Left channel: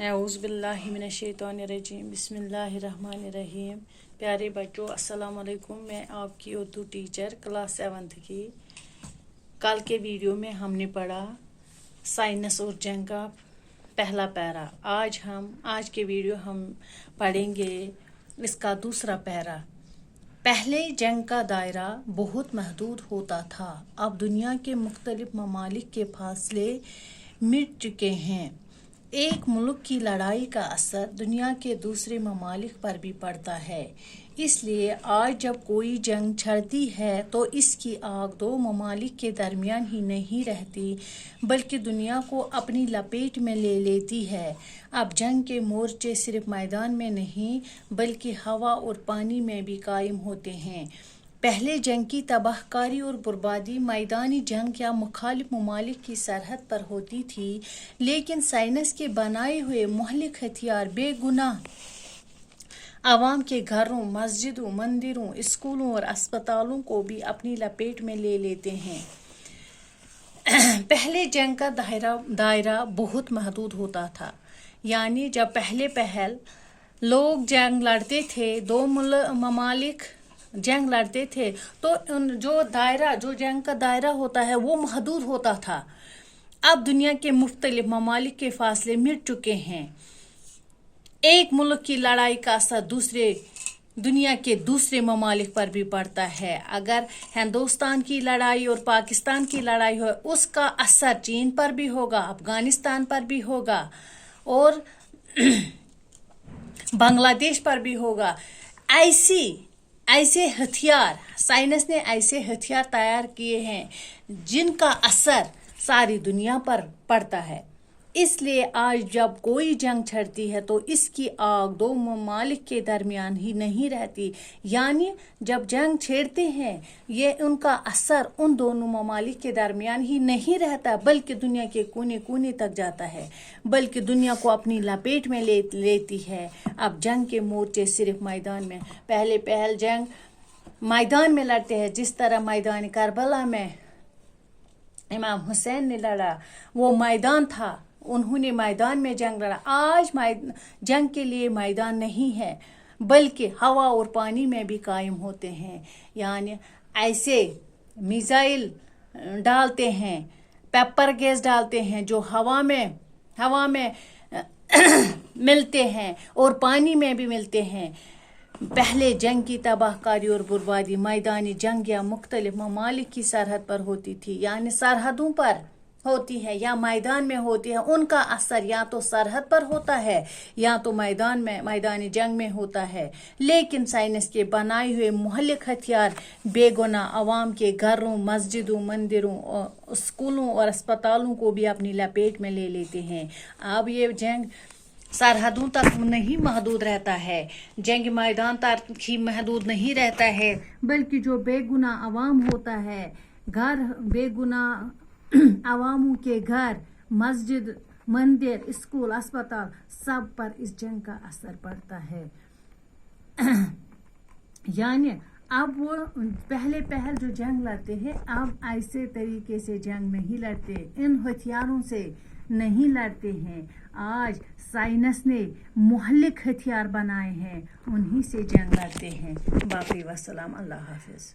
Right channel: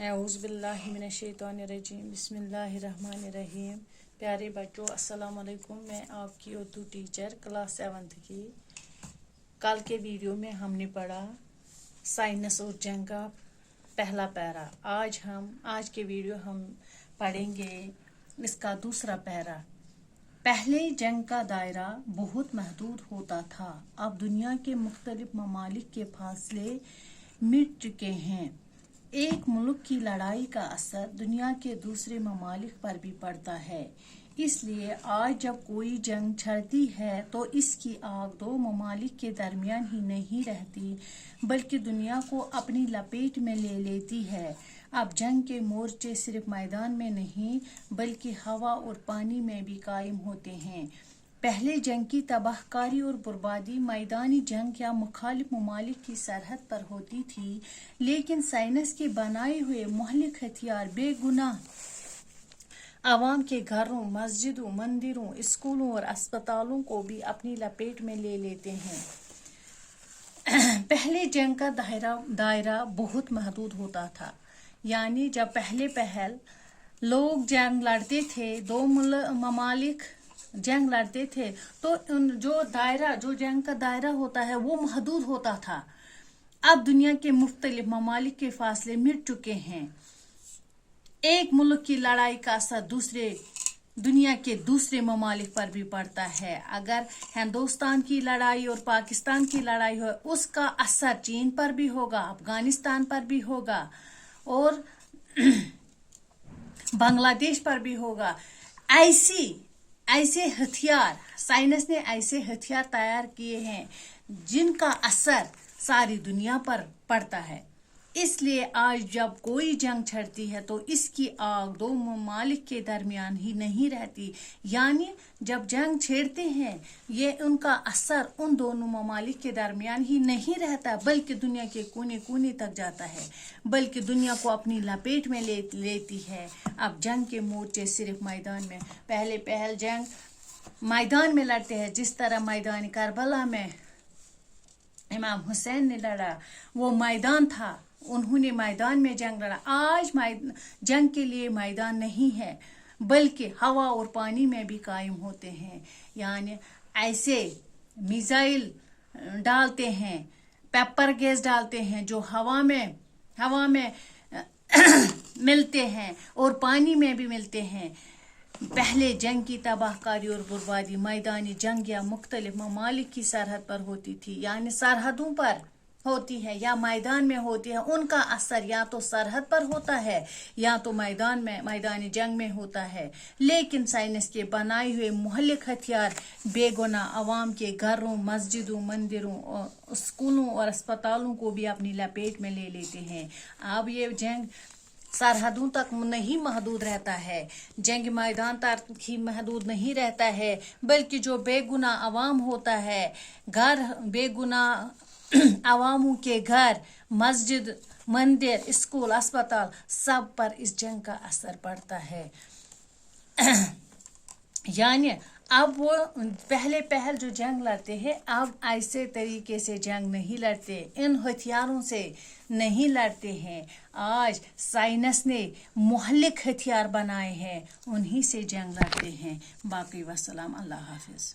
औज़ु बिल्लाहि मिनश्शैतानिर्रजीम बिस्मिल्लाहिर्रहमानिर्रहीम। प्यारे बच्चों, अस्सलाम वालेकुम। मैं आपकी उर्दू टीचर क्लास 7th की। कल के वीडियो में हमने पढ़ा साइंस और जंग का पहला पैरा। आज के वीडियो हम पढ़ेंगे इसका दूसरा पैरा। पहले जंग का दायरा बहुत महदूद होता था। अब दुनिया के मुख्तलिफ ममालिक के फासले मिट चुके हैं। एक मुल्क की लड़ाई का असर दुनिया के दूसरे ममालिक पर भी पड़ता है। इसलिए आज जब कोई जंग छिड़ती है तो इसकी आग दो ममालिक के दरमियान ही नहीं रहती, बल्कि दुनिया को अपनी लपेट में ले लेती है। अब जंग के मोर्चे सिर्फ मैदान में नहीं बल्कि हवा और पानी में भी कायम होते हैं। पहले जंग की तबाहकारी और बर्बादी मैदानी जंग या मुखालिफ ममालिक की सरहद पर होती थी, लेकिन साइंस के बनाए हुए मुहलिक हथियार बेगुनाह आवाम के घरों, मस्जिदों, मंदिरों, स्कूलों और अस्पतालों को भी अपनी लपेट में ले लेते हैं। पहले जंग का दायरा बहुत महदूद होता था, यानी जब पहल लोग जंग लड़ते थे, दो ममालिक जंग लड़ते थे, तो जो जंग का दायरा होता है वो महदूद होता था। अब दुनिया के मुख्तलिफ ममालिक के फासले मिट चुके हैं। एक मुल्क की लड़ाई का असर दुनिया के दूसरे ममालिक पर भी पड़ता है। अगर हिंदुस्तान की लड़ाई और पाकिस्तान की लड़ाई हो, उसका असर चीन पर भी होगा, अफगानिस्तान पर भी होगा और बांग्लादेश पर भी होगा। ऐसे हथियार साइंस ने ऐसे हथियार तैयार किए हैं जिनका असर सारी दुनिया पर पड़ता है। इसलिए आज जब कोई जंग छिड़ती है तो इसकी आग दो ममालिक के दरमियान ही नहीं रहती, यानी जब जंग छेड़ते हैं ये उनका असर उन दोनों ममालिक के दरमियान ही नहीं रहता, बल्कि दुनिया के कोने कोने तक जाता है, बल्कि दुनिया को अपनी लपेट में लेती है। अब जंग के मोर्चे सिर्फ मैदान में पहल जंग मैदान में लड़ते हैं, जिस तरह मैदान करबला में इमाम हुसैन ने लड़ा, वो मैदान था, उन्होंने मैदान में जंग लड़ा। आज जंग के लिए मैदान नहीं है, बल्कि हवा और पानी में भी कायम होते हैं। यानी ऐसे मिसाइल डालते हैं, पेपर गैस डालते हैं जो हवा में मिलते हैं और पानी में भी मिलते हैं। पहले जंग की तबाहकारी और बर्बादी मैदानी जंग या मुख्तलिफ ममालिक की सरहद पर होती थी, यानी सरहदों पर होती है या मैदान में होती है। उनका असर या तो सरहद पर होता है या तो मैदानी जंग में होता है। लेकिन साइंस के बनाए हुए मुहल्लिक हथियार बेगुनाह आवाम के घरों, मस्जिदों, मंदिरों, स्कूलों और अस्पतालों को भी अपनी लपेट में ले लेते हैं। अब ये जंग सरहदों तक नहीं महदूद रहता है, जंग मैदान तक ही महदूद नहीं रहता है, बल्कि जो बेगुनाह आवाम होता है, बेगुनाह आवामों के घर, मस्जिद, मंदिर, स्कूल, अस्पताल, सब पर इस जंग का असर पड़ता है। यानी अब वो पहल जो जंग लड़ते हैं, अब ऐसे तरीके से जंग नहीं लड़ते, इन हथियारों से नहीं लड़ते हैं। आज साइंस ने मुहल्लिक हथियार बनाए हैं, उन्हीं से जंग लड़ते हैं। बाकी वस्सलाम, अल्लाह हाफिज।